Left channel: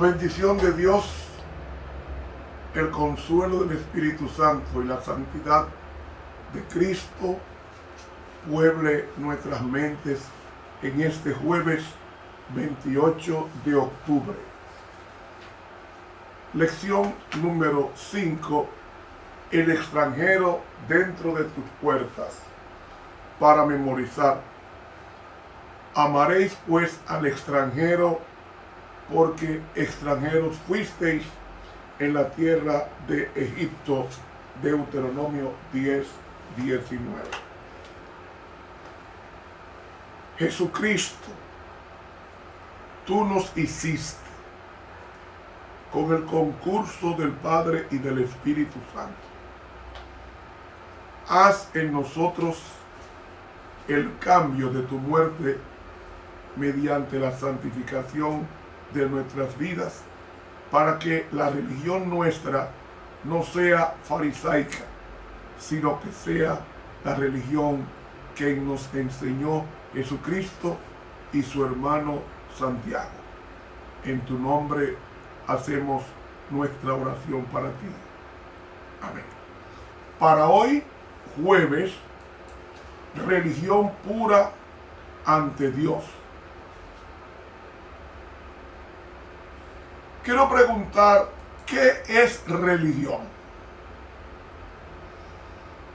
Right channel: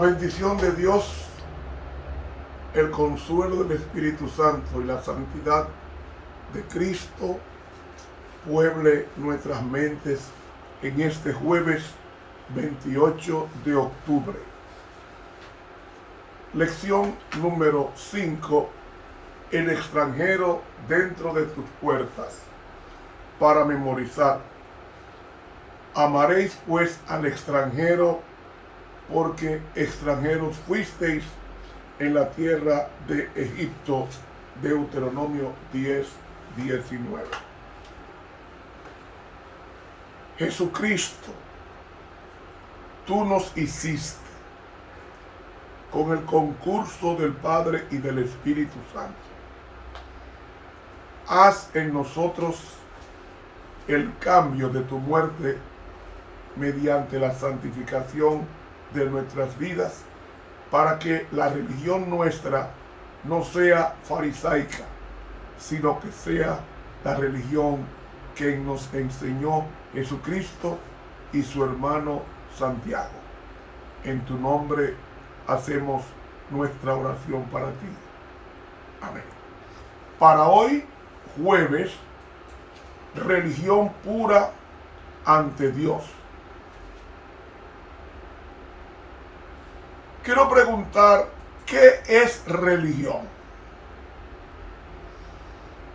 bendición de Dios, el consuelo del Espíritu Santo y la santidad de Cristo pueble nuestras mentes en este jueves 28 de octubre. Lección número 5. El extranjero dentro de tus puertas. Para memorizar. Amaréis pues al extranjero, porque extranjeros fuisteis en la tierra de Egipto. Deuteronomio 10:19. Jesucristo, tú nos hiciste con el concurso del Padre y del Espíritu Santo. Haz en nosotros el cambio de tu muerte mediante la santificación de nuestras vidas, para que la religión nuestra no sea farisaica, sino que sea la religión que nos enseñó Jesucristo y su hermano Santiago. En tu nombre hacemos nuestra oración para ti. Amén. Para hoy, jueves, religión pura ante Dios. Quiero preguntar, ¿qué es religión?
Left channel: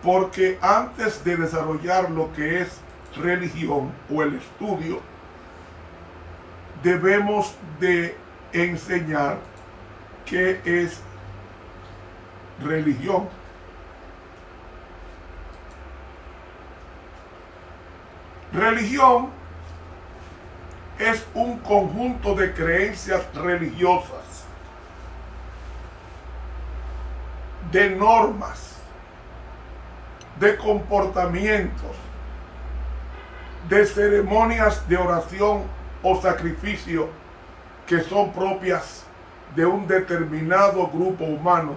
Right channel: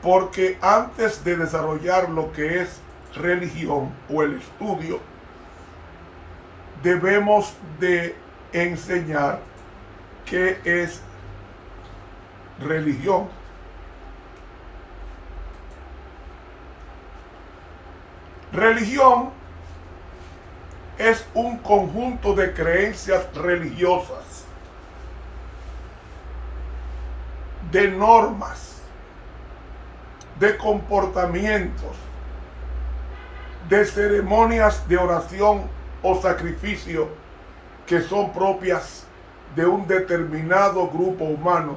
Porque antes de desarrollar lo que es religión o el estudio, debemos de enseñar qué es religión. Religión es un conjunto de creencias religiosas, de normas, de comportamientos, de ceremonias de oración o sacrificio que son propias de un determinado grupo humano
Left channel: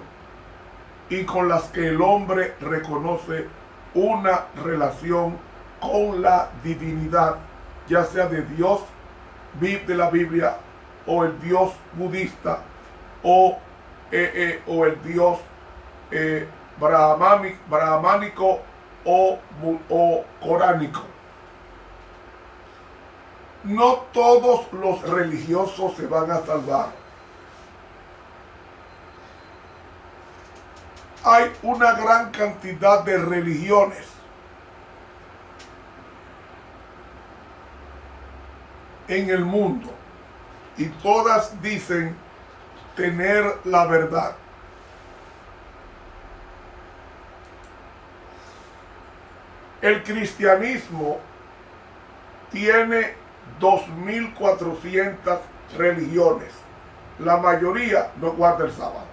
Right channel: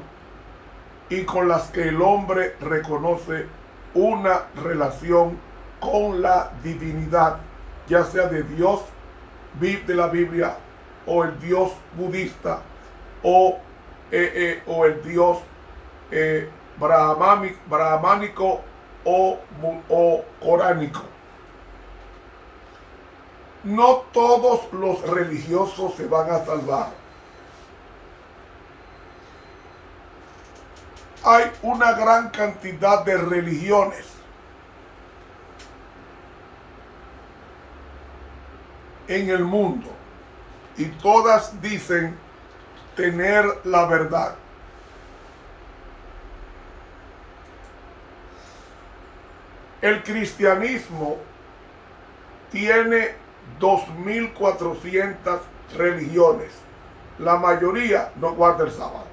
y con las que el hombre reconoce una relación con la divinidad, ya sea de Dios de la Biblia, o el Dios budista, o el Dios brahmánico o coránico. No todos los religiosos se van a salvar. Hay una gran cantidad de religiones en el mundo y todas dicen tener la verdad. El cristianismo tiene 2.400 religiones. La mayoría no guarda el sábado.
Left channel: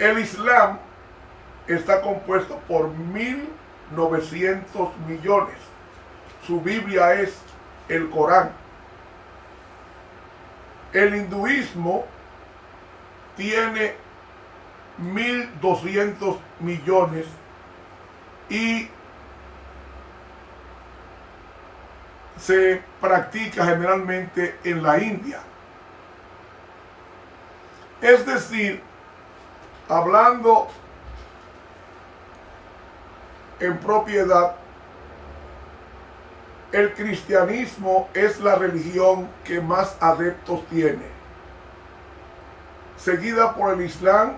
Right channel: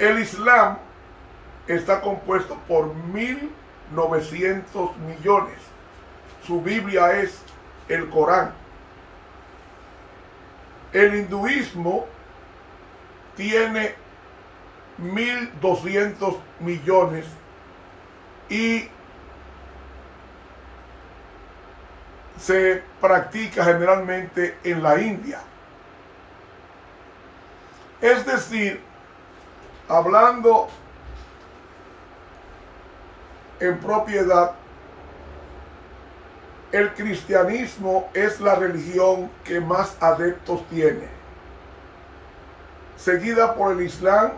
El Islam está compuesto por 1.900 millones. Su Biblia es el Corán. El hinduismo tiene 1.200 millones y se practica generalmente en la India. Es decir, hablando en propiedad, el cristianismo es la religión que más adeptos tiene, seguida por el Islam,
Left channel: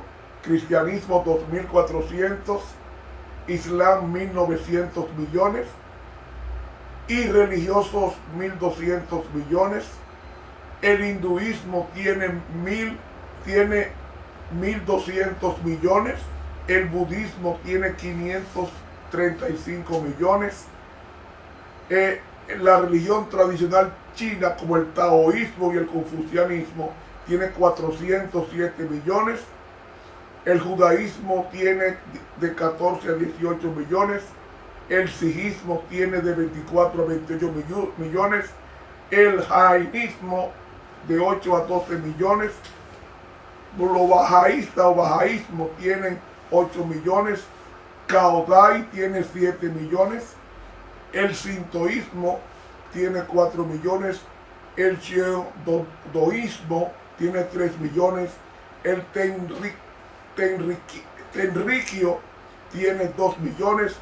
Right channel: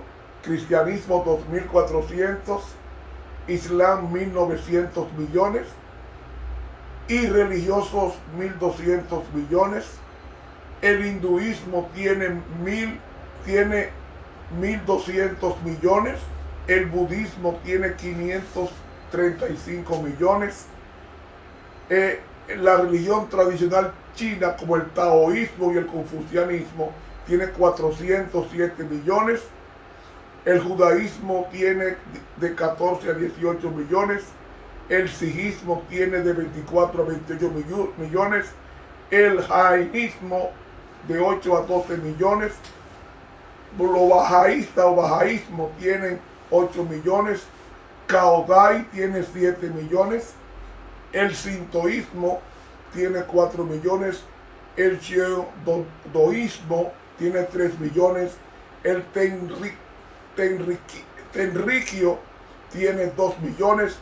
cristianismo 2.400, Islam 1.900 millones y religiosos 1.200 millones. El hinduismo tiene 1.200 millones, el budismo tiene 535 millones. La religión tradicional china, como el taoísmo y el confucianismo, tiene 407 millones. El judaísmo tiene de 14 a 18 millones. El sijismo tiene de 24 a 28 millones. El jainismo de 8 a 12 millones. Los bajaístas o bajaísmo tienen 8 millones. Kaodai tiene 7 millones. El sintoísmo tiene 4 millones El shintoísmo tiene 3 millones. El tenrikyo tiene 2 millones.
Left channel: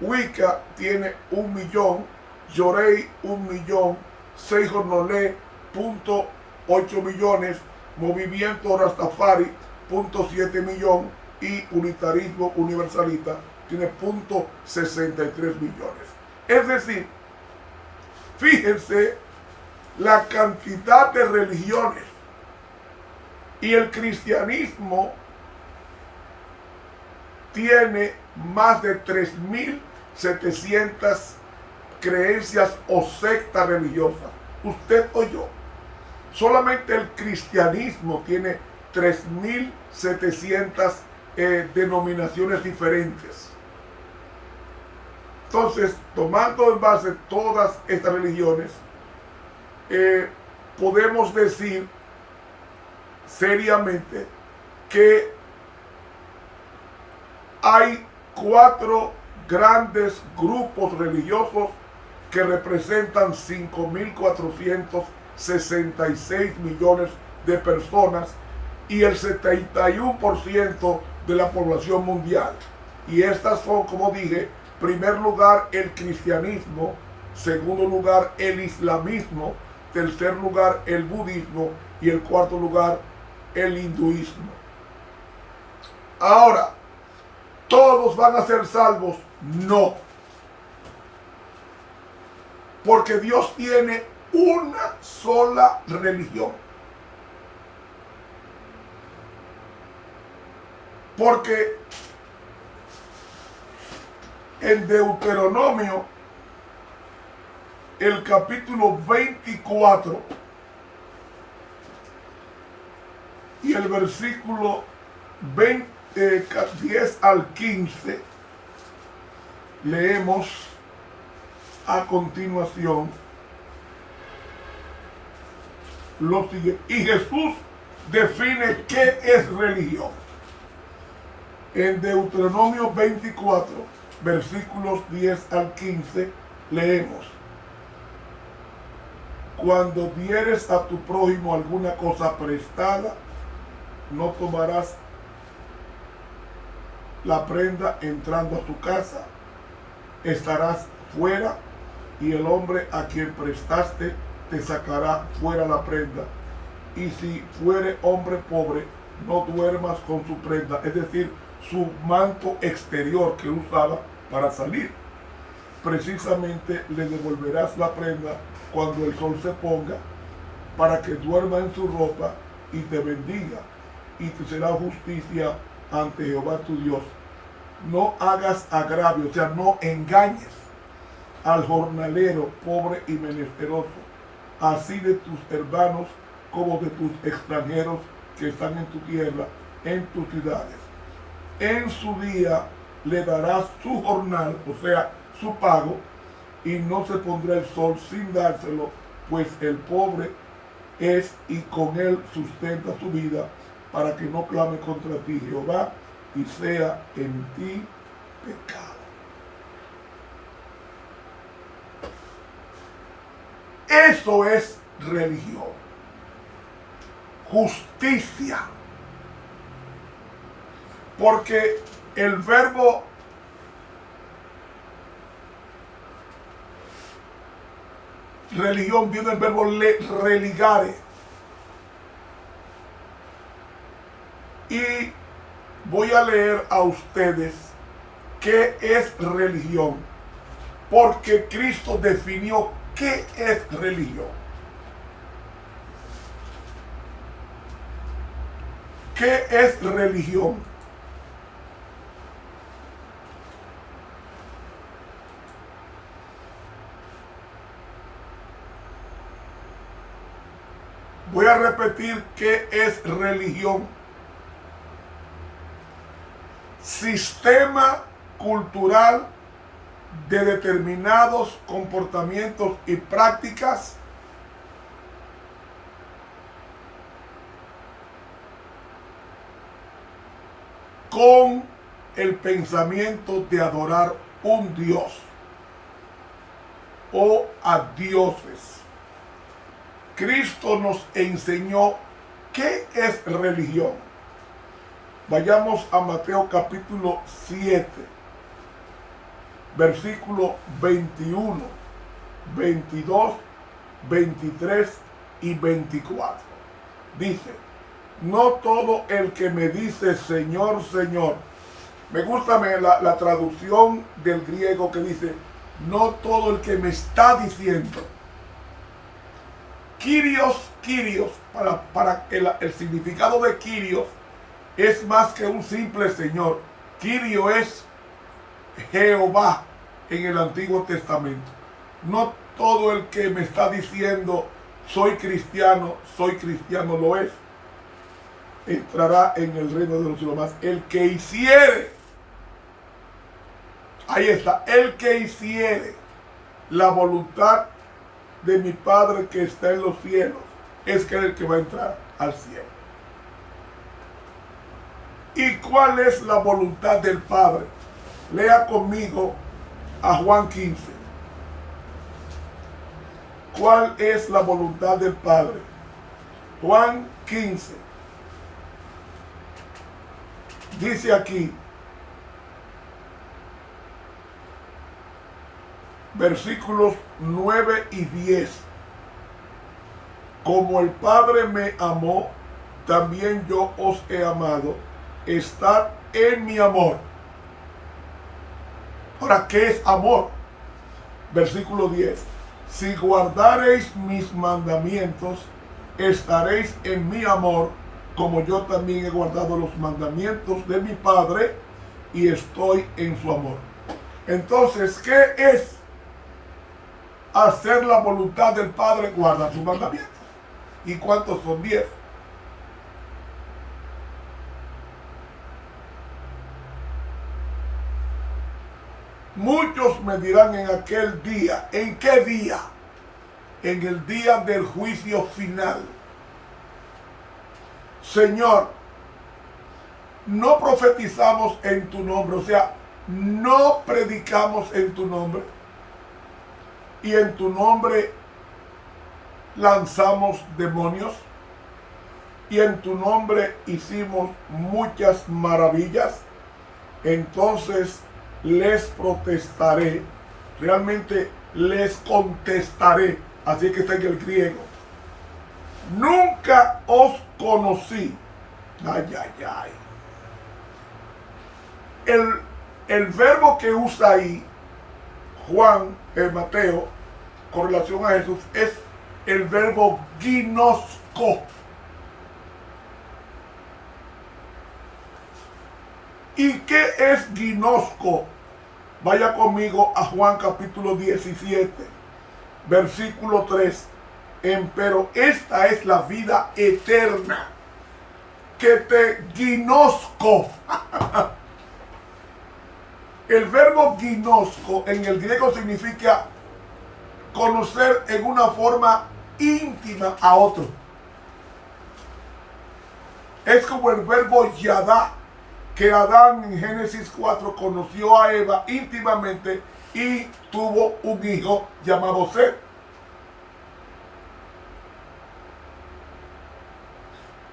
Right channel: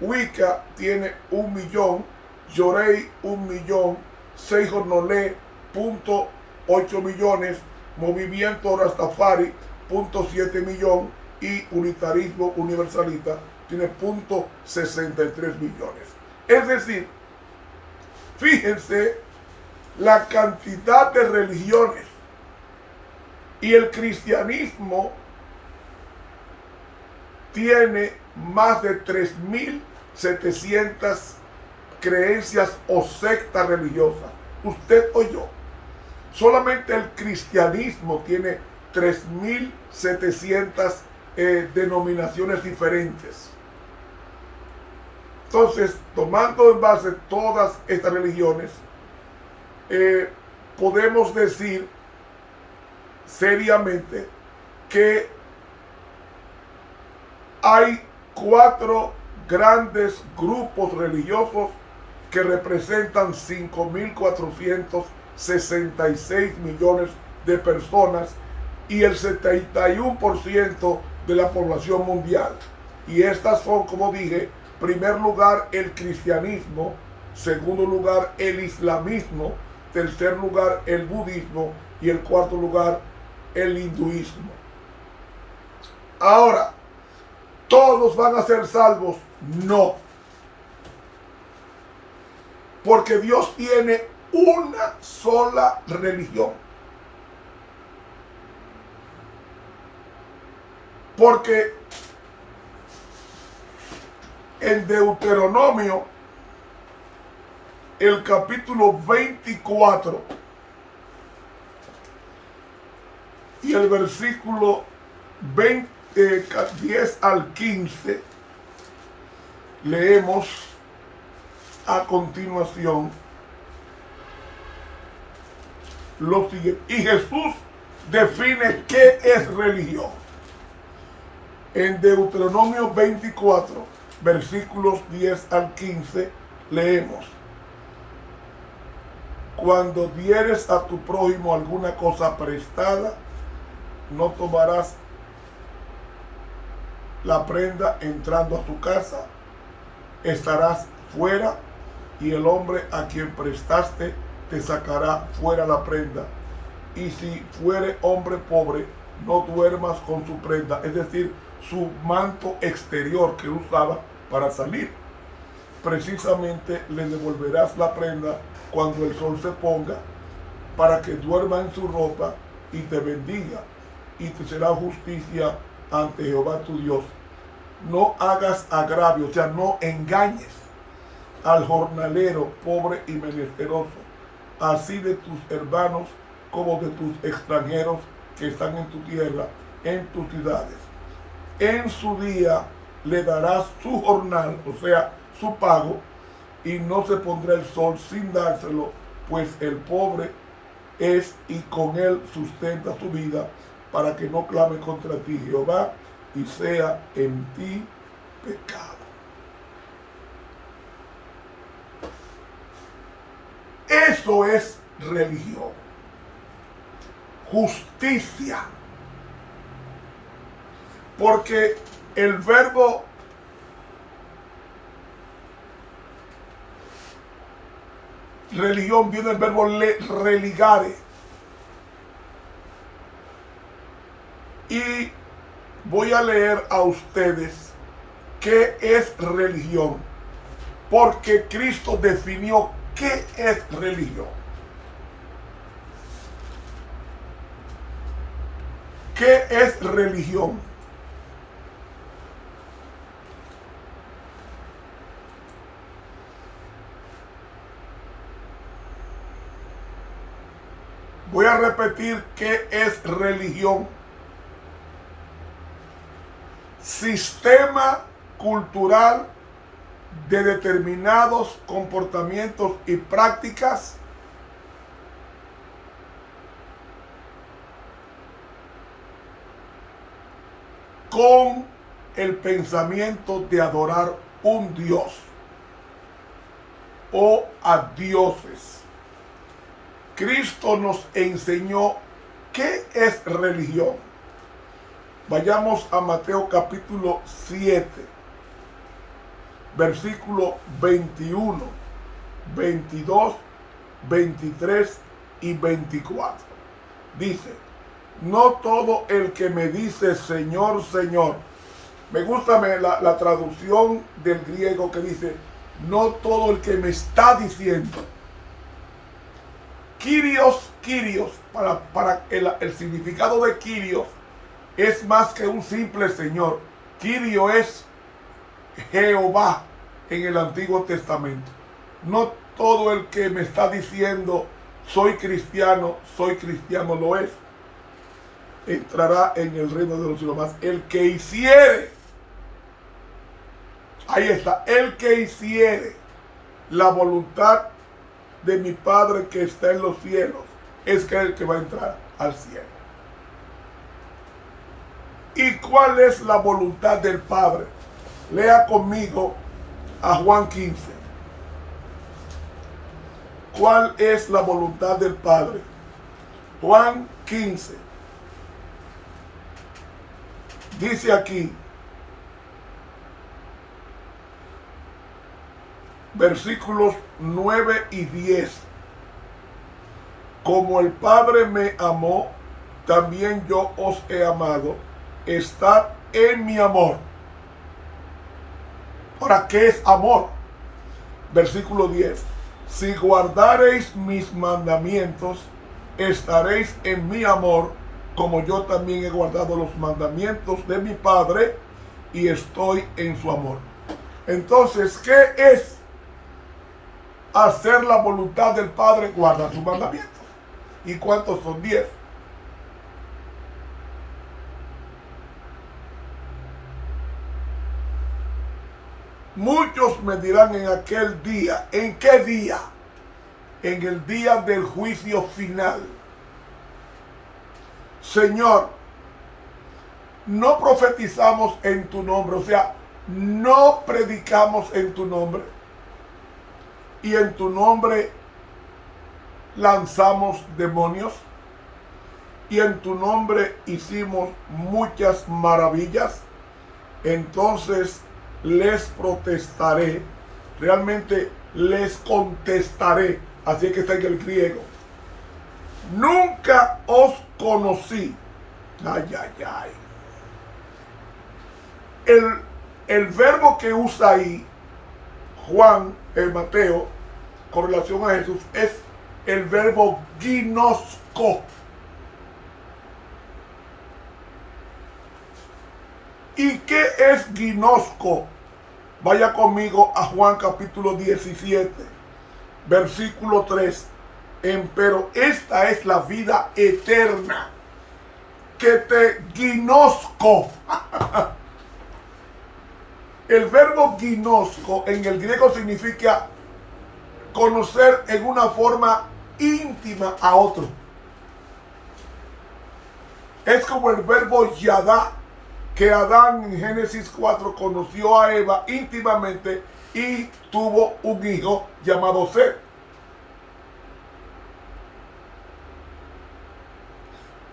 Wicca tiene 1 millón. Yorei 1 millón. Seijo Nole, 0.8 millones. Movimiento Rastafari, 0.7 millón. Y Unitarismo Universalista tiene 0.63 millones. Es decir, fíjense la cantidad de religiones, y el cristianismo tiene más de 3.700 creencias o sectas religiosas. Usted o yo. Solamente el cristianismo tiene 3.700 denominaciones diferentes. Entonces, tomando en base todas estas religiones, podemos decir seriamente que hay 4 grandes grupos religiosos que representan 5.466 millones de personas y el 71% de la población mundial. Y estas son, como dije, primer lugar el cristianismo, segundo lugar el islamismo, tercer lugar el budismo y el cuarto lugar el hinduismo. Ahora, ¿todos van a ser salvos? No. Porque Dios tiene una sola religión. Porque en Deuteronomio, el capítulo 24 y el versículo 10 al 15, leemos a continuación lo siguiente. Y Jesús define qué es religión. En Deuteronomio 24, versículos 10 al 15, leemos: cuando dieres a tu prójimo alguna cosa prestada, no tomarás la prenda entrando a su casa, estarás fuera, y el hombre a quien prestaste te sacará fuera la prenda. Y si fuere hombre pobre, no duermas con su prenda, es decir, su manto exterior que usaba para salir. Precisamente le devolverás la prenda cuando el sol se ponga, para que duerma en su ropa y te bendiga, y te será justicia ante Jehová tu Dios. No hagas agravio, o sea, no engañes al jornalero pobre y menesteroso, así de tus hermanos como de tus extranjeros que están en tu tierra, en tus ciudades. En su día le darás su jornal, o sea, su pago, y no se pondrá el sol sin dárselo, pues el pobre es y con él sustenta su vida, para que no clame contra ti Jehová y sea en ti pecado. Eso es religión. Justicia. Porque el verbo religión viene del verbo religare. Y voy a leer a ustedes qué es religión, porque Cristo definió qué es religión. ¿Qué es religión? Voy a repetir qué es religión. Sistema cultural de determinados comportamientos y prácticas con el pensamiento de adorar un Dios o a dioses. Cristo nos enseñó qué es religión. Vayamos a Mateo capítulo 7, versículo 21, 22, 23 y 24. Dice: no todo el que me dice Señor, Señor. Me gusta la traducción del griego que dice: no todo el que me está diciendo. Kyrios, para el significado de Kyrios es más que un simple Señor. Kyrio es Jehová en el Antiguo Testamento. No todo el que me está diciendo soy cristiano lo es. Entrará en el reino de los cielos. Más el que hiciere, ahí está, el que hiciere la voluntad de mi Padre que está en los cielos, es que el que va a entrar al cielo. ¿Y cuál es la voluntad del Padre? Lea conmigo a Juan 15. ¿Cuál es la voluntad del Padre? Juan 15. Dice aquí, versículos 9 y 10. Como el Padre me amó, también yo os he amado. Estad en mi amor. Ahora, ¿qué es amor? Versículo 10. Si guardareis mis mandamientos, estaréis en mi amor, como yo también he guardado los mandamientos de mi Padre y estoy en su amor. Entonces, ¿qué es hacer la voluntad del Padre? Guardar sus mandamientos. ¿Y cuántos son? 10. Muchos me dirán en aquel día. ¿En qué día? En el día del juicio final: Señor, no profetizamos en tu nombre, o sea, no predicamos en tu nombre, y en tu nombre lanzamos demonios, y en tu nombre hicimos muchas maravillas. Entonces les protestaré, realmente les contestaré, así que está en el griego: nunca os conocí. Ay, ay, ay. El verbo que usa ahí Mateo, con relación a Jesús, es el verbo ginosco. ¿Y qué es ginosco? Vaya conmigo a Juan capítulo 17, versículo 3. Pero esta es la vida eterna, que te ginosco. El verbo ginosco en el griego significa conocer en una forma íntima a otro. Es como el verbo yadá, que Adán en Génesis 4 conoció a Eva íntimamente y tuvo un hijo llamado Set.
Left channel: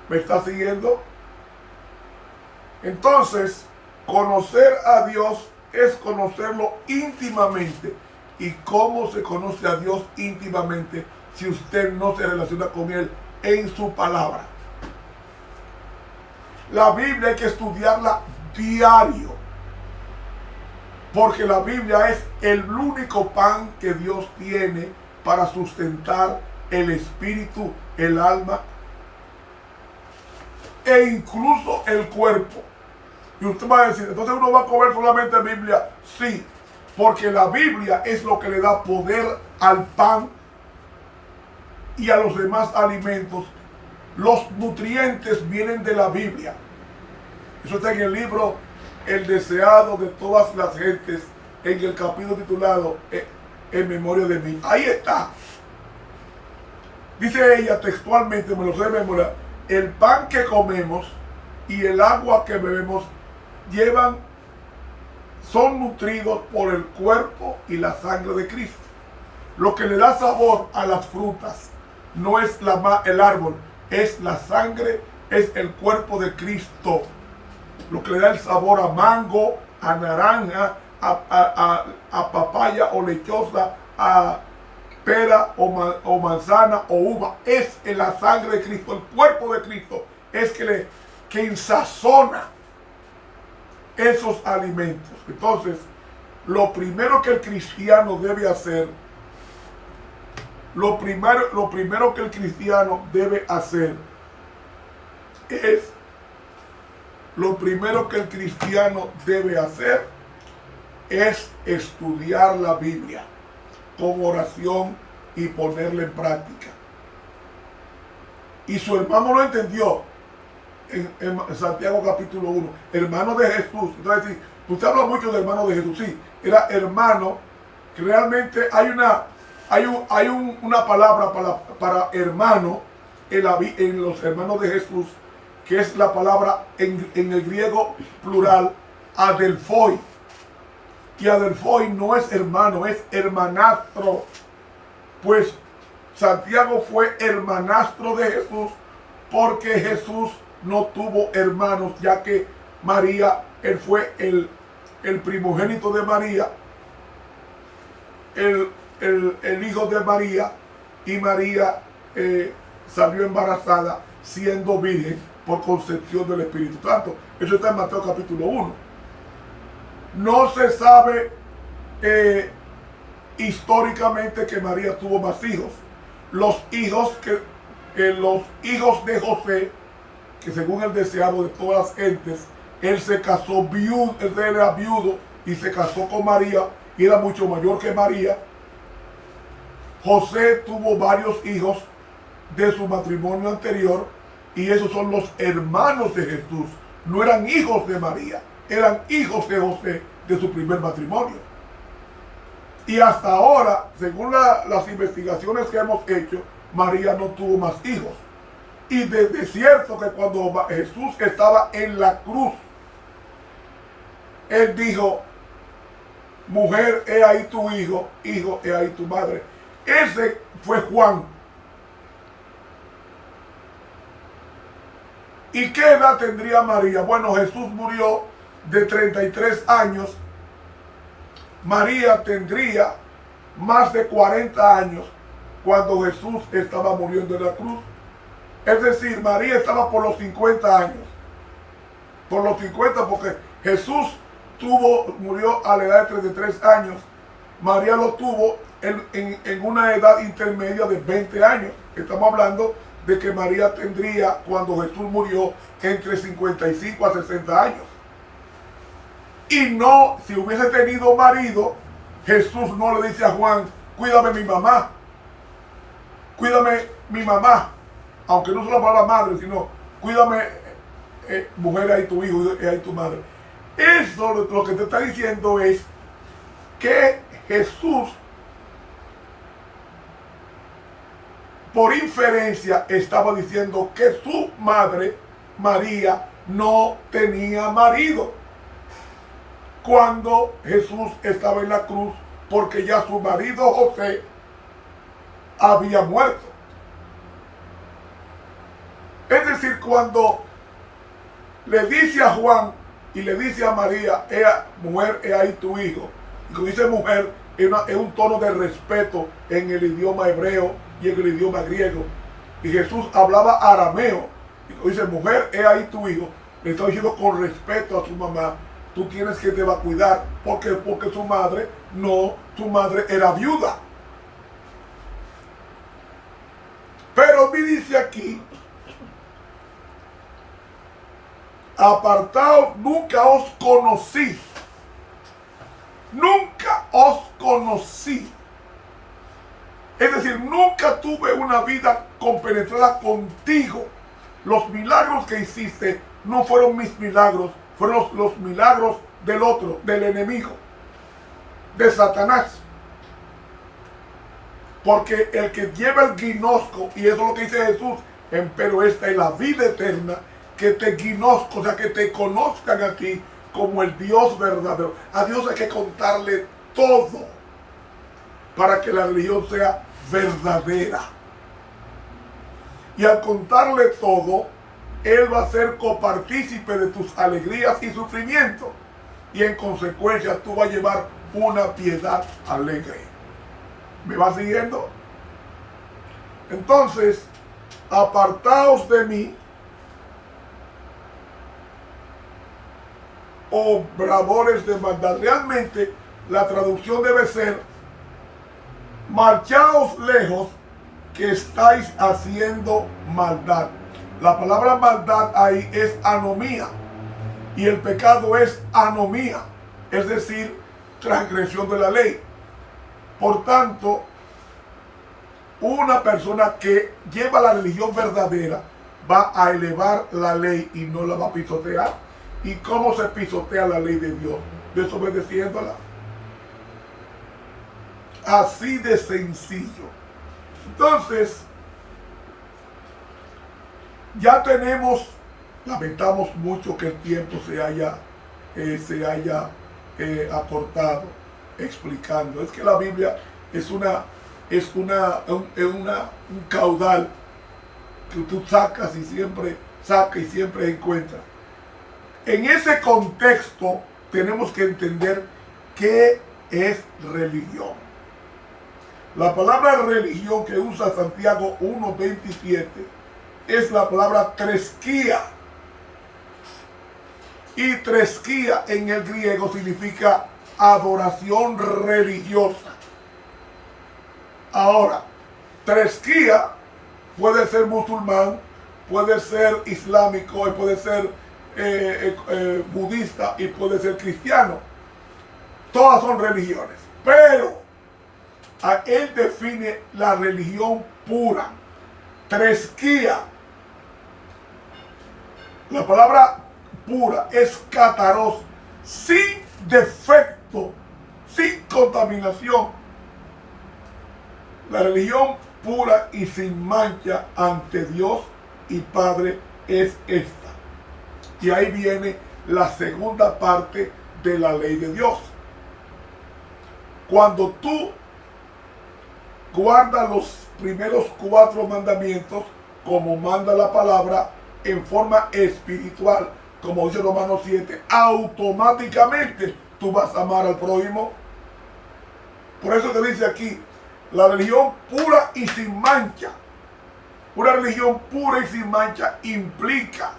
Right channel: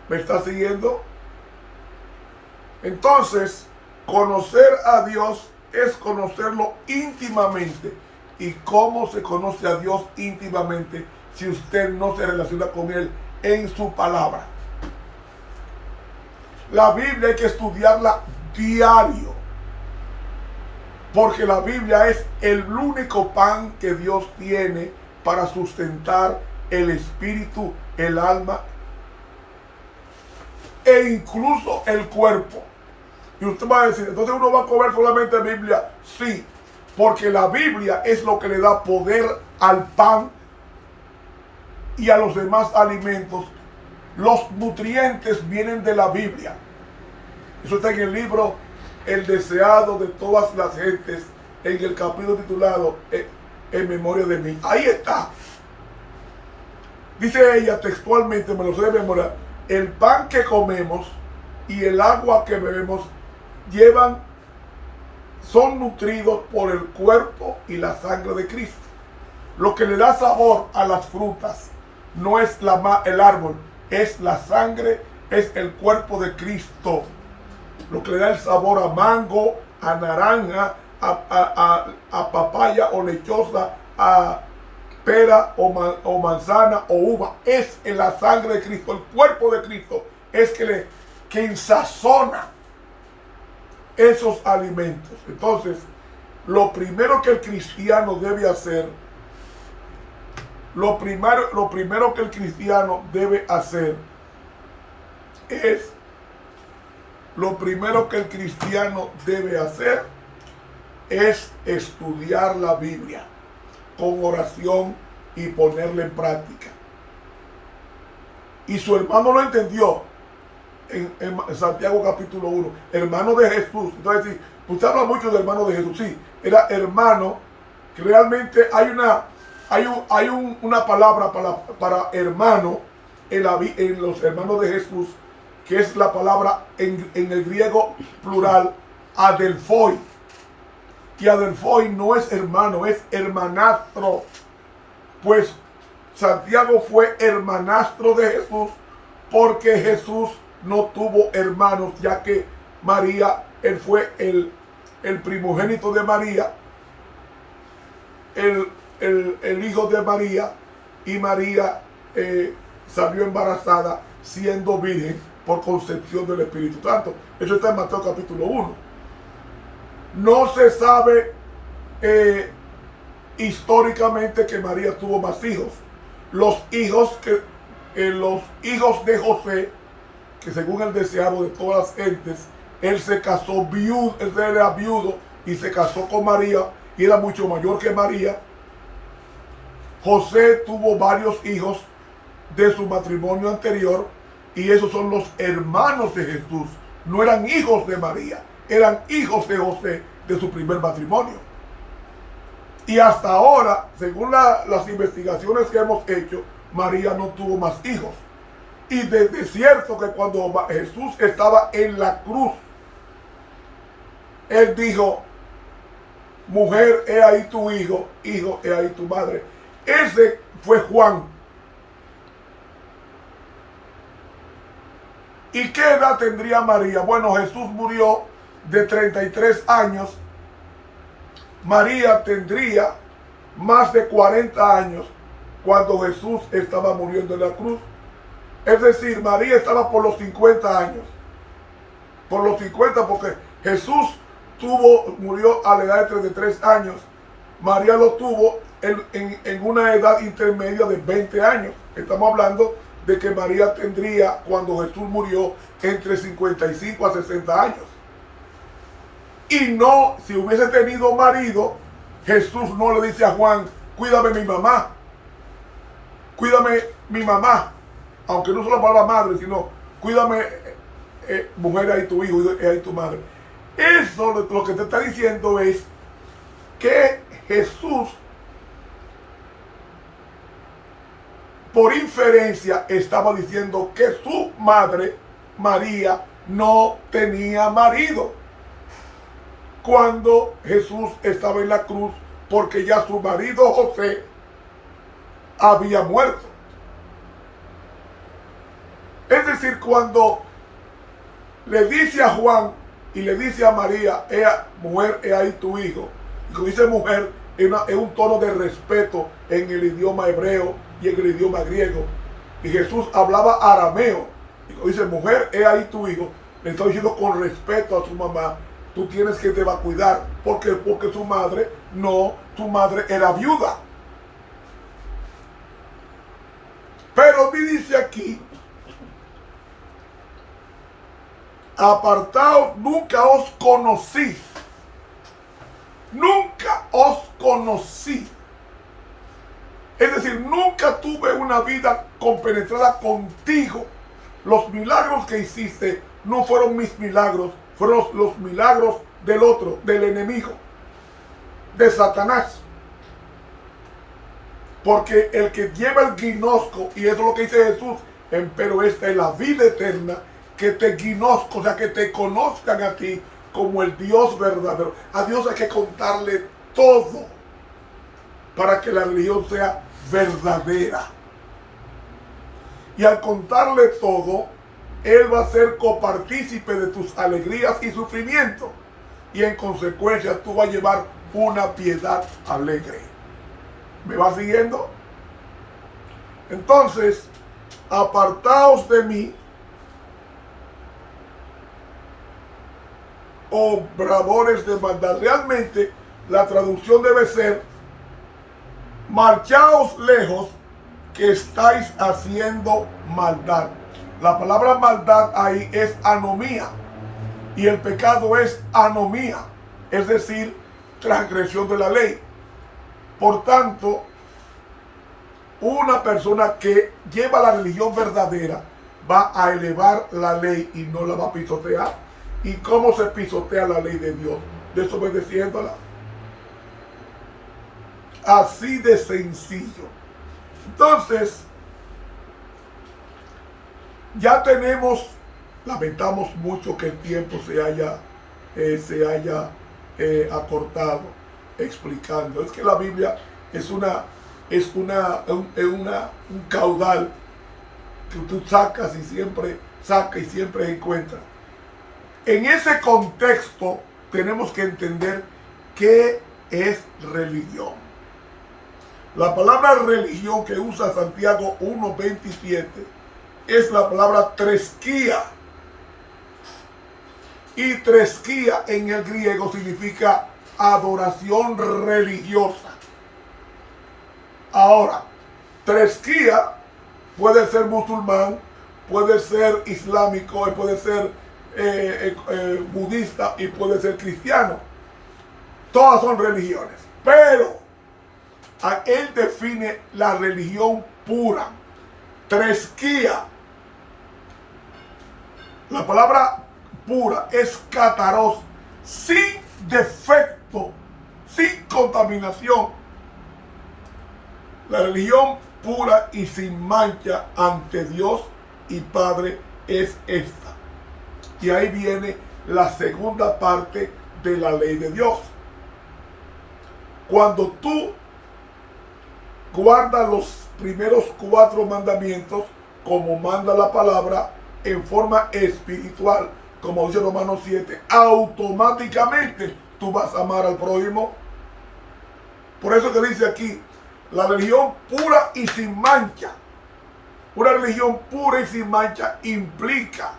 ¿Me está siguiendo? Entonces, conocer a Dios es conocerlo íntimamente. ¿Y cómo se conoce a Dios íntimamente si usted no se relaciona con Él en su palabra? La Biblia hay que estudiarla diario, porque la Biblia es el único pan que Dios tiene para sustentar el espíritu, el alma e incluso el cuerpo. Y usted va a decir, entonces uno va a comer solamente Biblia. Sí, porque la Biblia es lo que le da poder al pan y a los demás alimentos. Los nutrientes vienen de la Biblia. Eso está en el libro El deseado de todas las gentes, en el capítulo titulado En memoria de mí. Ahí está. Dice ella textualmente, me lo sé de memoria: el pan que comemos y el agua que bebemos son nutridos por el cuerpo y la sangre de Cristo. Lo que le da sabor a las frutas, no es el árbol, es la sangre, es el cuerpo de Cristo. Lo que le da el sabor a mango, a naranja, a papaya o lechosa, a pera o manzana o uva. Es en la sangre de Cristo, el cuerpo de Cristo es que ensazona esos alimentos. Entonces, lo primero que el cristiano debe hacer, lo primero que el cristiano debe hacer es, estudiar la Biblia con oración y ponerla en práctica. Y su hermano lo entendió en Santiago capítulo 1, hermano de Jesús. Entonces, usted habla mucho de hermano de Jesús, sí, era hermano, que realmente hay una palabra para hermano en los hermanos de Jesús, que es la palabra en el griego plural, adelphoi. Y adelphoi no es hermano, es hermanastro. Pues Santiago fue hermanastro de Jesús porque Jesús no tuvo hermanos, ya que María, él fue el primogénito de María, el hijo de María, y María salió embarazada siendo virgen por concepción del Espíritu Santo. Eso está en Mateo capítulo 1. No se sabe históricamente que María tuvo más hijos. Los hijos de José, que según el deseado de todas las gentes, él se casó viudo, él era viudo y se casó con María y era mucho mayor que María. José tuvo varios hijos de su matrimonio anterior y esos son los hermanos de Jesús. No eran hijos de María, eran hijos de José de su primer matrimonio. Y hasta ahora, según las investigaciones que hemos hecho, María no tuvo más hijos. Y de cierto que cuando Jesús estaba en la cruz, él dijo: mujer, he ahí tu hijo, hijo, he ahí tu madre. Ese fue Juan. ¿Y qué edad tendría María? Bueno, Jesús murió de 33 años. María tendría más de 40 años cuando Jesús estaba muriendo en la cruz. Es decir, María estaba por los 50 años. Por los 50, porque Jesús murió a la edad de 33 años. María lo tuvo en una edad intermedia de 20 años. Estamos hablando de que María tendría, cuando Jesús murió, entre 55 a 60 años. Y no, si hubiese tenido marido, Jesús no le dice a Juan: cuídame mi mamá, cuídame mi mamá, aunque no solo la palabra madre, sino cuídame, mujer, ahí tu hijo, ahí tu madre. Eso lo que te está diciendo es que Jesús, por inferencia, estaba diciendo que su madre, María, no tenía marido cuando Jesús estaba en la cruz, porque ya su marido José había muerto. Es decir, cuando le dice a Juan y le dice a María: mujer, he ahí tu hijo, y cuando dice mujer, es un tono de respeto en el idioma hebreo y en el idioma griego. Y Jesús hablaba arameo, y cuando dice mujer, he ahí tu hijo, le está diciendo con respeto a su mamá: tú tienes que te va a cuidar, porque su madre era viuda. Pero me dice aquí: apartaos, nunca os conocí. Nunca os conocí. Es decir, nunca tuve una vida compenetrada contigo. Los milagros que hiciste no fueron mis milagros, fueron los milagros del otro, del enemigo, de Satanás. Porque el que lleva el ginosco, y eso es lo que dice Jesús, pero esta es la vida eterna, que te ginosco, o sea, que te conozcan a ti como el Dios verdadero. A Dios hay que contarle todo para que la religión sea verdadera. Y al contarle todo, él va a ser copartícipe de tus alegrías y sufrimientos. Y en consecuencia tú vas a llevar una piedad alegre. ¿Me vas siguiendo? Entonces, apartaos de mí, obradores de maldad. Realmente la traducción debe ser: marchaos lejos, que estáis haciendo maldad. La palabra maldad ahí es anomía, y el pecado es anomía, es decir, transgresión de la ley. Por tanto, una persona que lleva la religión verdadera va a elevar la ley y no la va a pisotear. ¿Y cómo se pisotea la ley de Dios? Desobedeciéndola. Así de sencillo. Entonces, ya tenemos, lamentamos mucho que el tiempo se haya acortado explicando. Es que la Biblia es un caudal que tú sacas y siempre encuentras. En ese contexto tenemos que entender qué es religión. La palabra religión que usa Santiago 1:27 es la palabra tresquía. Y tresquía en el griego significa adoración religiosa. Ahora, tresquía puede ser musulmán, puede ser islámico, puede ser budista y puede ser cristiano. Todas son religiones, pero él define la religión pura, tresquía. La palabra pura es kataros, sin defecto, sin contaminación. La religión pura y sin mancha ante Dios y Padre es esta. Y ahí viene la segunda parte de la ley de Dios. Cuando tú guardas los primeros 4 mandamientos, como manda la palabra, en forma espiritual, como dice Romanos 7, automáticamente tú vas a amar al prójimo. Por eso que dice aquí, la religión pura y sin mancha. Una religión pura y sin mancha implica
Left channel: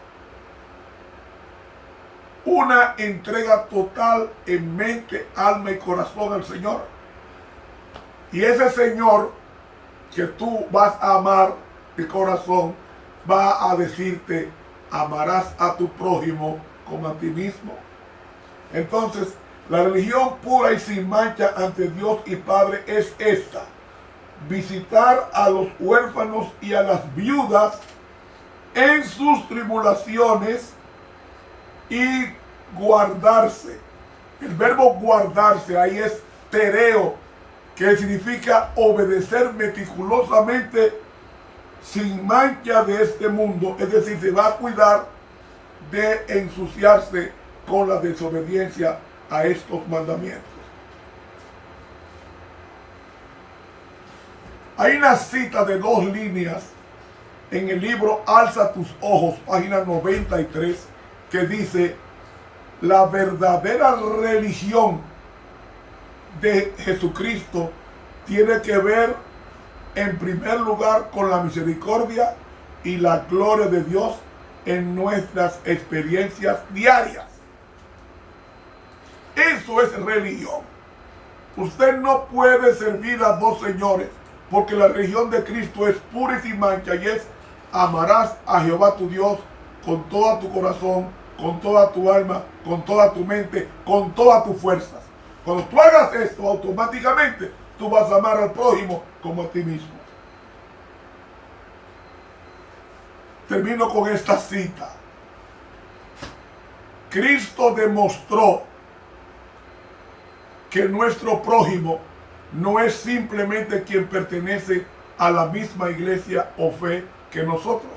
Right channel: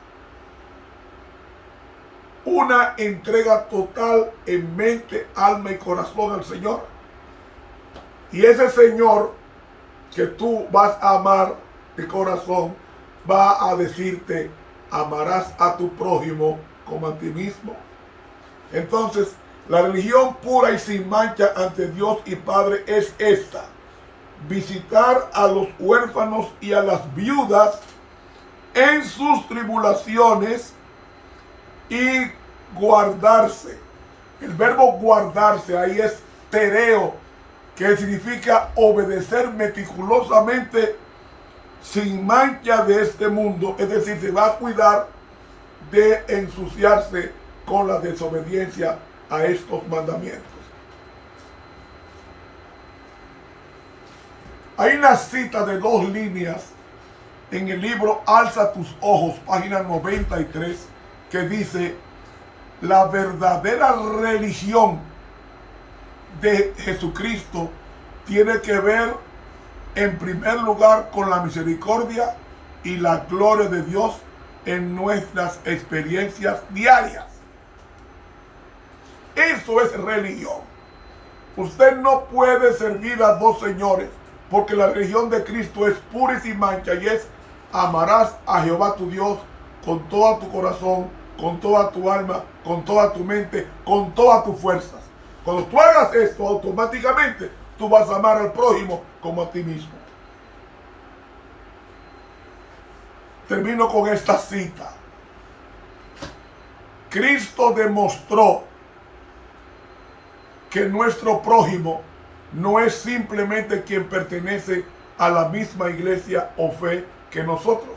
una entrega total en mente, alma y corazón al Señor. Y ese Señor que tú vas a amar de corazón va a decirte: amarás a tu prójimo como a ti mismo. Entonces, la religión pura y sin mancha ante Dios y Padre es esta: visitar a los huérfanos y a las viudas en sus tribulaciones y guardarse. El verbo guardarse ahí es tereo, que significa obedecer meticulosamente, sin mancha de este mundo. Es decir, se va a cuidar de ensuciarse con la desobediencia a estos mandamientos. Hay una cita de 2 líneas en el libro Alza tus ojos, página 93, que dice: la verdadera religión de Jesucristo tiene que ver en primer lugar con la misericordia y la gloria de Dios en nuestras experiencias diarias. Eso es religión. Usted no puede servir a 2 señores, porque la religión de Cristo es pura y sin mancha, y es: amarás a Jehová tu Dios con todo tu corazón, con toda tu alma, con toda tu mente, con todas tus fuerzas. Cuando tú hagas esto, automáticamente tú vas a amar al prójimo como a ti mismo. Termino con esta cita. Cristo demostró que nuestro prójimo no es simplemente quien pertenece a la misma iglesia o fe que nosotros.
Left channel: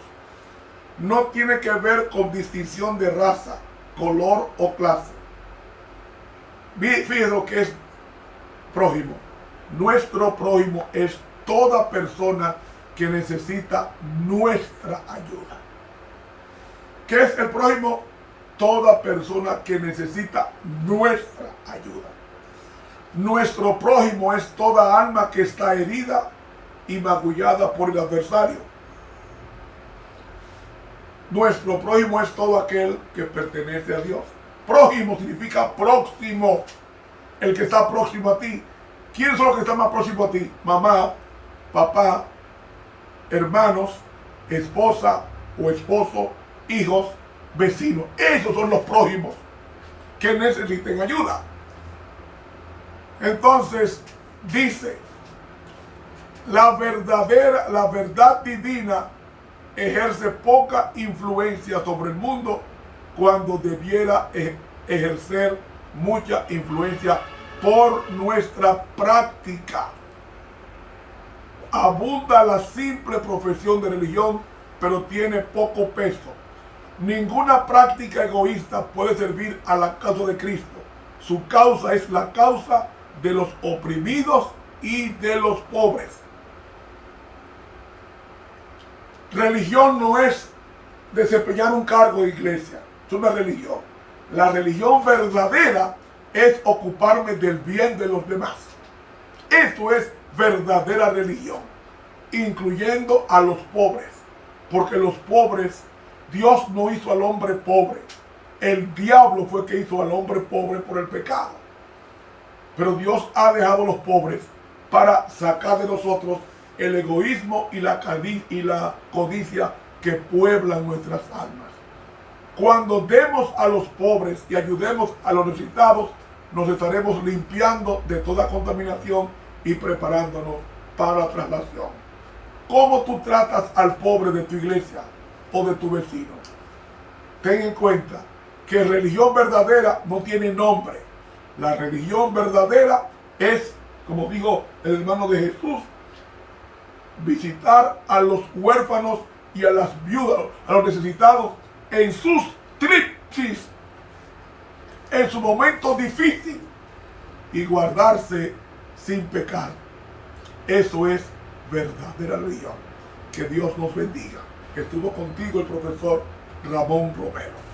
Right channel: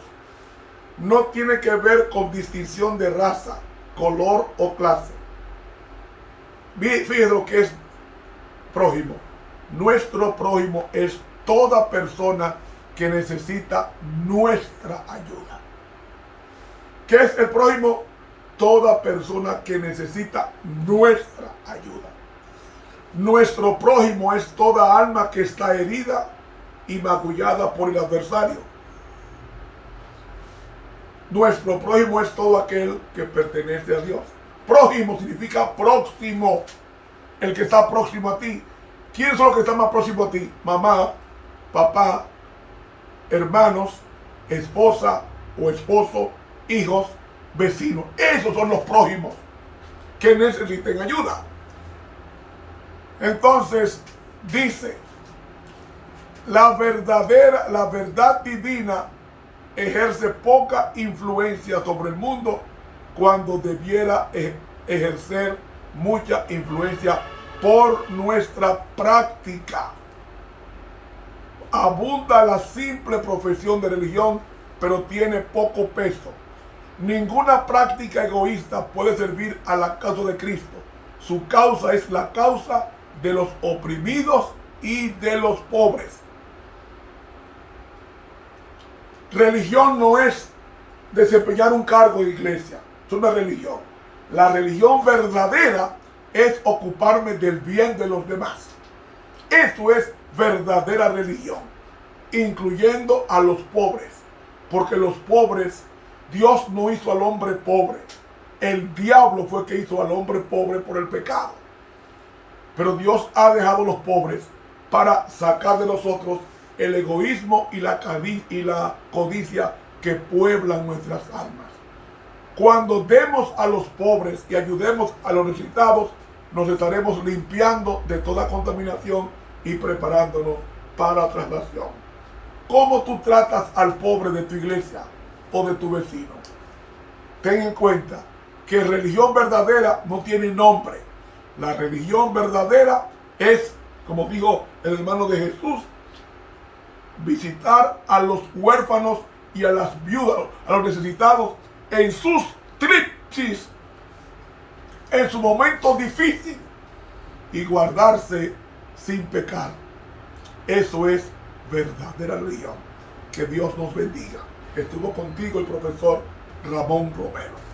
No tiene que ver con distinción de raza, color o clase. Fíjense lo que es prójimo. Nuestro prójimo es toda persona que necesita nuestra ayuda. ¿Qué es el prójimo? Toda persona que necesita nuestra ayuda. Nuestro prójimo es toda alma que está herida y magullada por el adversario. Nuestro prójimo es todo aquel que pertenece a Dios. Prójimo significa próximo, el que está próximo a ti. ¿Quiénes son los que están más próximos a ti? Mamá, papá, hermanos, esposa o esposo, hijos, vecinos. Esos son los prójimos que necesiten ayuda. Entonces dice, la verdad divina ejerce poca influencia sobre el mundo cuando debiera ejercer mucha influencia por nuestra práctica. Abunda la simple profesión de religión, pero tiene poco peso. Ninguna práctica egoísta puede servir a la causa de Cristo. Su causa es la causa de los oprimidos y de los pobres. Religión no es desempeñar un cargo de iglesia, es una religión. La religión verdadera es ocuparme del bien de los demás. Esto es verdadera religión, incluyendo a los pobres, porque los pobres, Dios no hizo al hombre pobre. El diablo fue que hizo al hombre pobre por el pecado. Pero Dios ha dejado a los pobres para sacar de nosotros el egoísmo y la codicia que pueblan nuestras almas. Cuando demos a los pobres y ayudemos a los necesitados, nos estaremos limpiando de toda contaminación y preparándonos para la traslación. ¿Cómo tú tratas al pobre de tu iglesia o de tu vecino? Ten en cuenta que religión verdadera no tiene nombre. La religión verdadera es, como dijo el hermano de Jesús, visitar a los huérfanos y a las viudas, a los necesitados en sus crisis, en su momento difícil, y guardarse sin pecar. Eso es verdadera religión. Que Dios nos bendiga. Estuvo contigo el profesor Ramón Romero.